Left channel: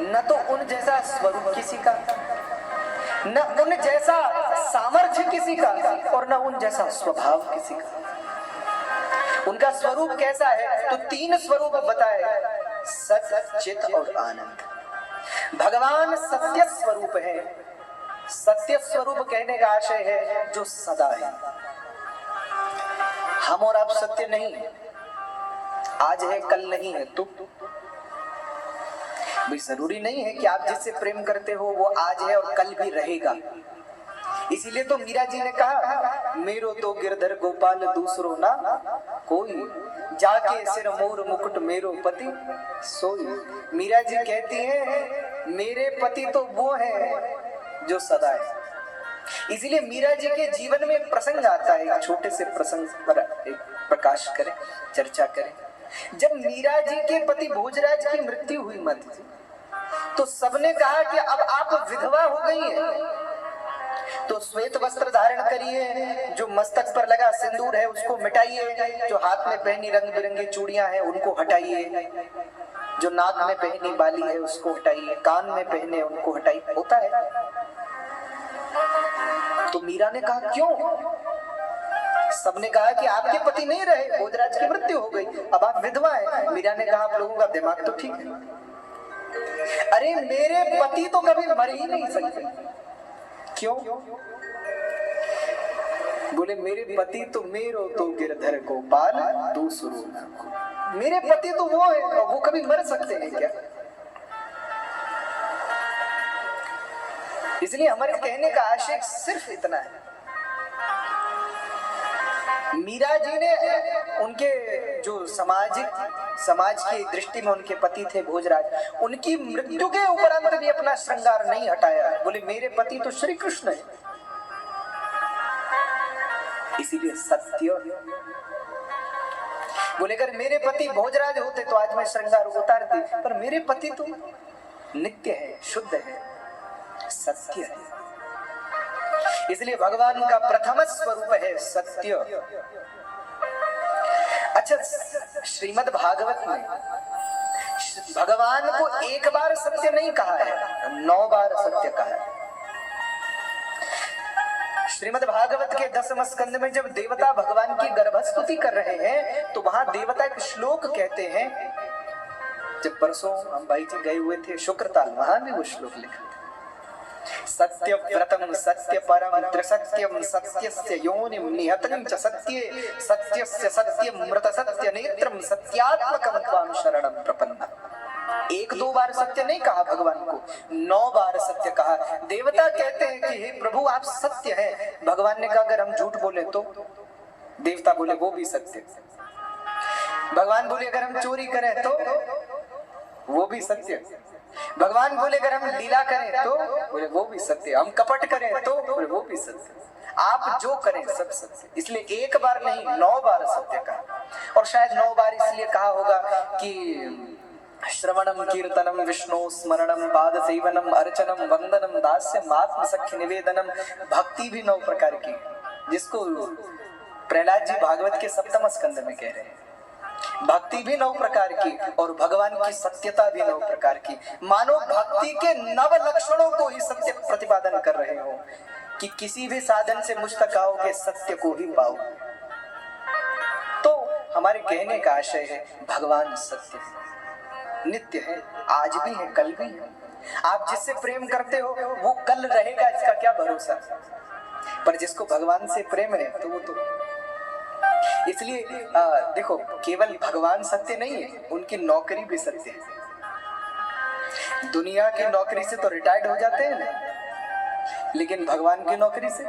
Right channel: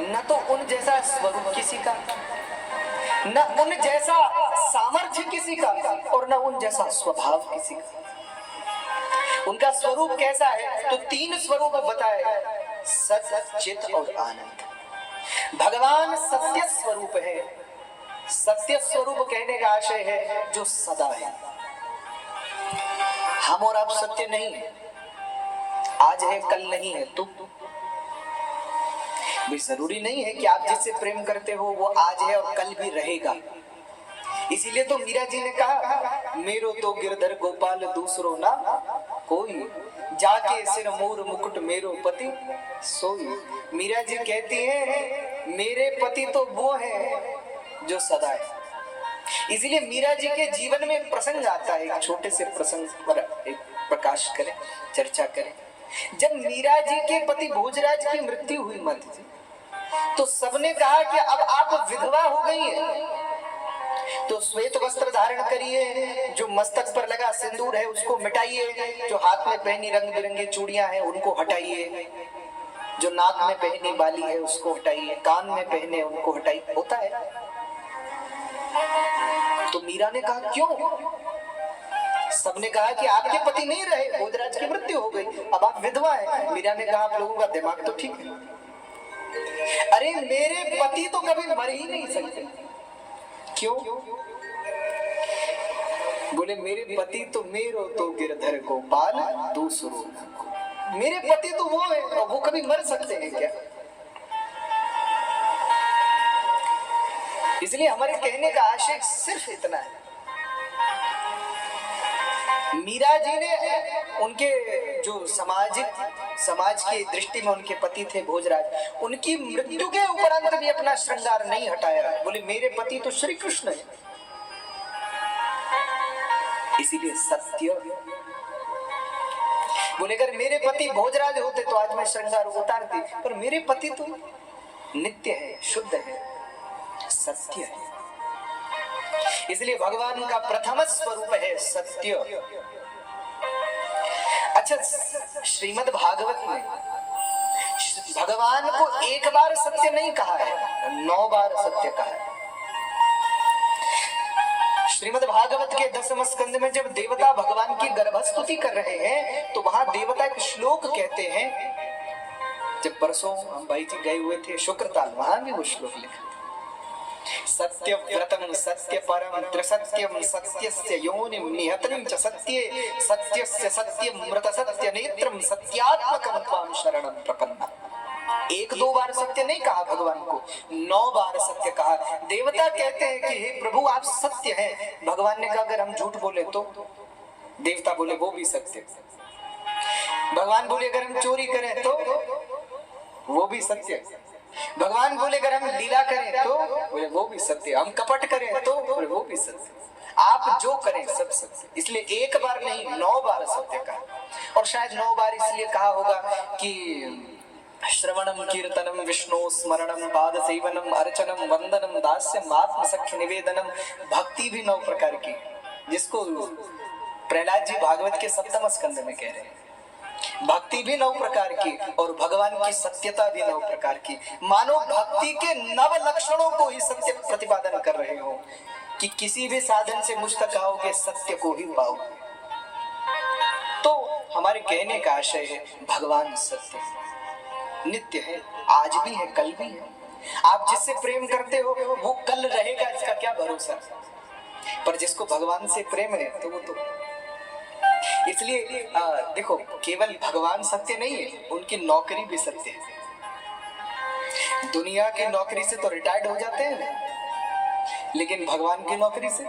न तो उन जैसा स्वरूप किसी का, न उन जैसा सामर्थ्य किसी का, और न उन जैसा स्वभाव किसी का। उनका स्वरूप कैसा है? तो तीन स्वरूप बताए, सत, चित और आनंद। भगवान सत्य स्वरूप है। सत्य स्वरूप कहने का आशय है जो सदा है। हम और आप सत्य नहीं है, आज है कल नहीं है। तो भी जरूरी नहीं है कि आप जिससे प्रेम करते हो वो आज है और कल भी रहेगा। इसीलिए तो मीरा जी ने कहा, मेरो तो गिरधर गोपाल दूसरो ना कोई, जाके सिर मोर मुकुट मेरो पति सोई। मीरा जी कहती है मेरे पति तो वो है जो सदा है। इसीलिए मीरा जी के जीवन में प्रसंग आता है, एक छोटे से प्रसंग पर एक प्रकाश करें, चर्चा करें। जब मीरा जी के पति भोजराज की मृत्यु हुई माता जी, तो सबने कहा कि अब आप विधवा हो गई हैं, तो श्वेत वस्त्र धारण करिए, जो मस्तक पर लगा सिंदूर है उसको मिटाइए, जो हाथ में पहनी रंग बिरंगी चूड़ियां हैं उनको हटाइए, जो नाक में पहनी बाली है उसको हटाइए, कान में पहने उनको हटाइए। होता है। तो मीरा ने कहा क्यों? सबने कहा कि आपके पति नहीं रहे, भोजराज की मृत्यु हो गई, अब आप विधवा हैं। मीरा ने कहा आप लोगों का दिमाग तो ठीक है। अरे मेरे पति तो कभी मर ही नहीं सकते। क्यों? बोले मेरे पति तो मेरो तो गिरधर गोपाल दूसरो ना कोई। मेरे पति तो वो है, और वो कभी मर सकते हैं क्या? इसलिए हमारे कहने का आशय सिर्फ इतना है। मीरा जी ने उनके जो समाज की दृष्टि में उनके पति थे भोजराज, उनकी मृत्यु के उपरांत भी अपना श्रृंगार नहीं हटाया। बोले मेरे पति तो श्री कृष्ण है। इसीलिए सत्य। बोले अगर मेरे पति भोजराज होते तो आज मैं श्रृंगार उतारती, पर मेरे पति तो नित्य है, शुद्ध है, सत्य है। इसलिए भगवान का प्रथम स्वरूप है सत्य। अच्छा, श्रीमद् भागवत में भगवान को एक बार सत्य नहीं कहा है, 9 बार सत्य कहा है। श्रीमद् भागवत के 10वें स्कंद में जब देवता भगवान की गर्भस्तुति कर रहे हैं, तो वहां देवता एक श्लोक कहते हैं। जब परसों हम भाई जी गए हुए थे शुक्रताल, वहां भी वो श्लोक लिखा, सत्य व्रतम सत्य परम त्रिसत्यम सत्यस्य योनिम निहतम च सत्ये सत्यस्य सत्यमृत सत्य नेत्रम सत्यात्मकं त्वां शरणं प्रपन्ना। 1-2 बार सत्य नहीं कहा भगवान को, 9 बार सत्य कहा। देवता कहते हैं कि हे प्रभु आप सत्य हैं। भगवान ने कहा अगर हम झूठ बोले तो? देवता बोले वो भी सत्य। भगवान बोले अगर हम चोरी करें तो? वो भी सत्य। भगवान बोले अगर हम लीला करें तो? बोले वो भी सत्य। हम कपट करें तो? बोले वो भी सत्य। आप जो करें सब सत्य। इसलिए 1 बार नहीं 9 बार सत्य कहा। और शायद 9 बार इसलिए कहा होगा कि श्रवणम कीर्तनम विष्णु स्मरणम पाद सेवनम अर्चनम वंदनम दास्यम आत्म सख्य निवेदनम। भक्ति भी 9 प्रकार की, जिसको प्रहलाद जी भागवत के 7वें स्कंद में कह रहे हैं। भक्ति भी 9 प्रकार की और भगवान की सत्यता भी 9 प्रकार की। मानो भक्ति के 9 लक्षणों को ही सत्य प्रतिपादन कर रहे हो कि किसी भी साधन से मुझ तक आओगे सत्य को ही पाओगे। तो हमारे कहने का आशय है भगवान सत्य है, नित्य है, आज भी है, कल भी है। आप जिससे प्रेम करते हो वो कल रहेगा, इसका क्या भरोसा। पर जिसको भगवान से प्रेम है तो वो तो इसलिए देखो, केवल भगवान सत्य नहीं है, उनकी नौकरी भी सत्य है। दुनिया की नौकरी से तो रिटायर्ड हो जाते हैं ना, लेकिन भगवान की नौकरी से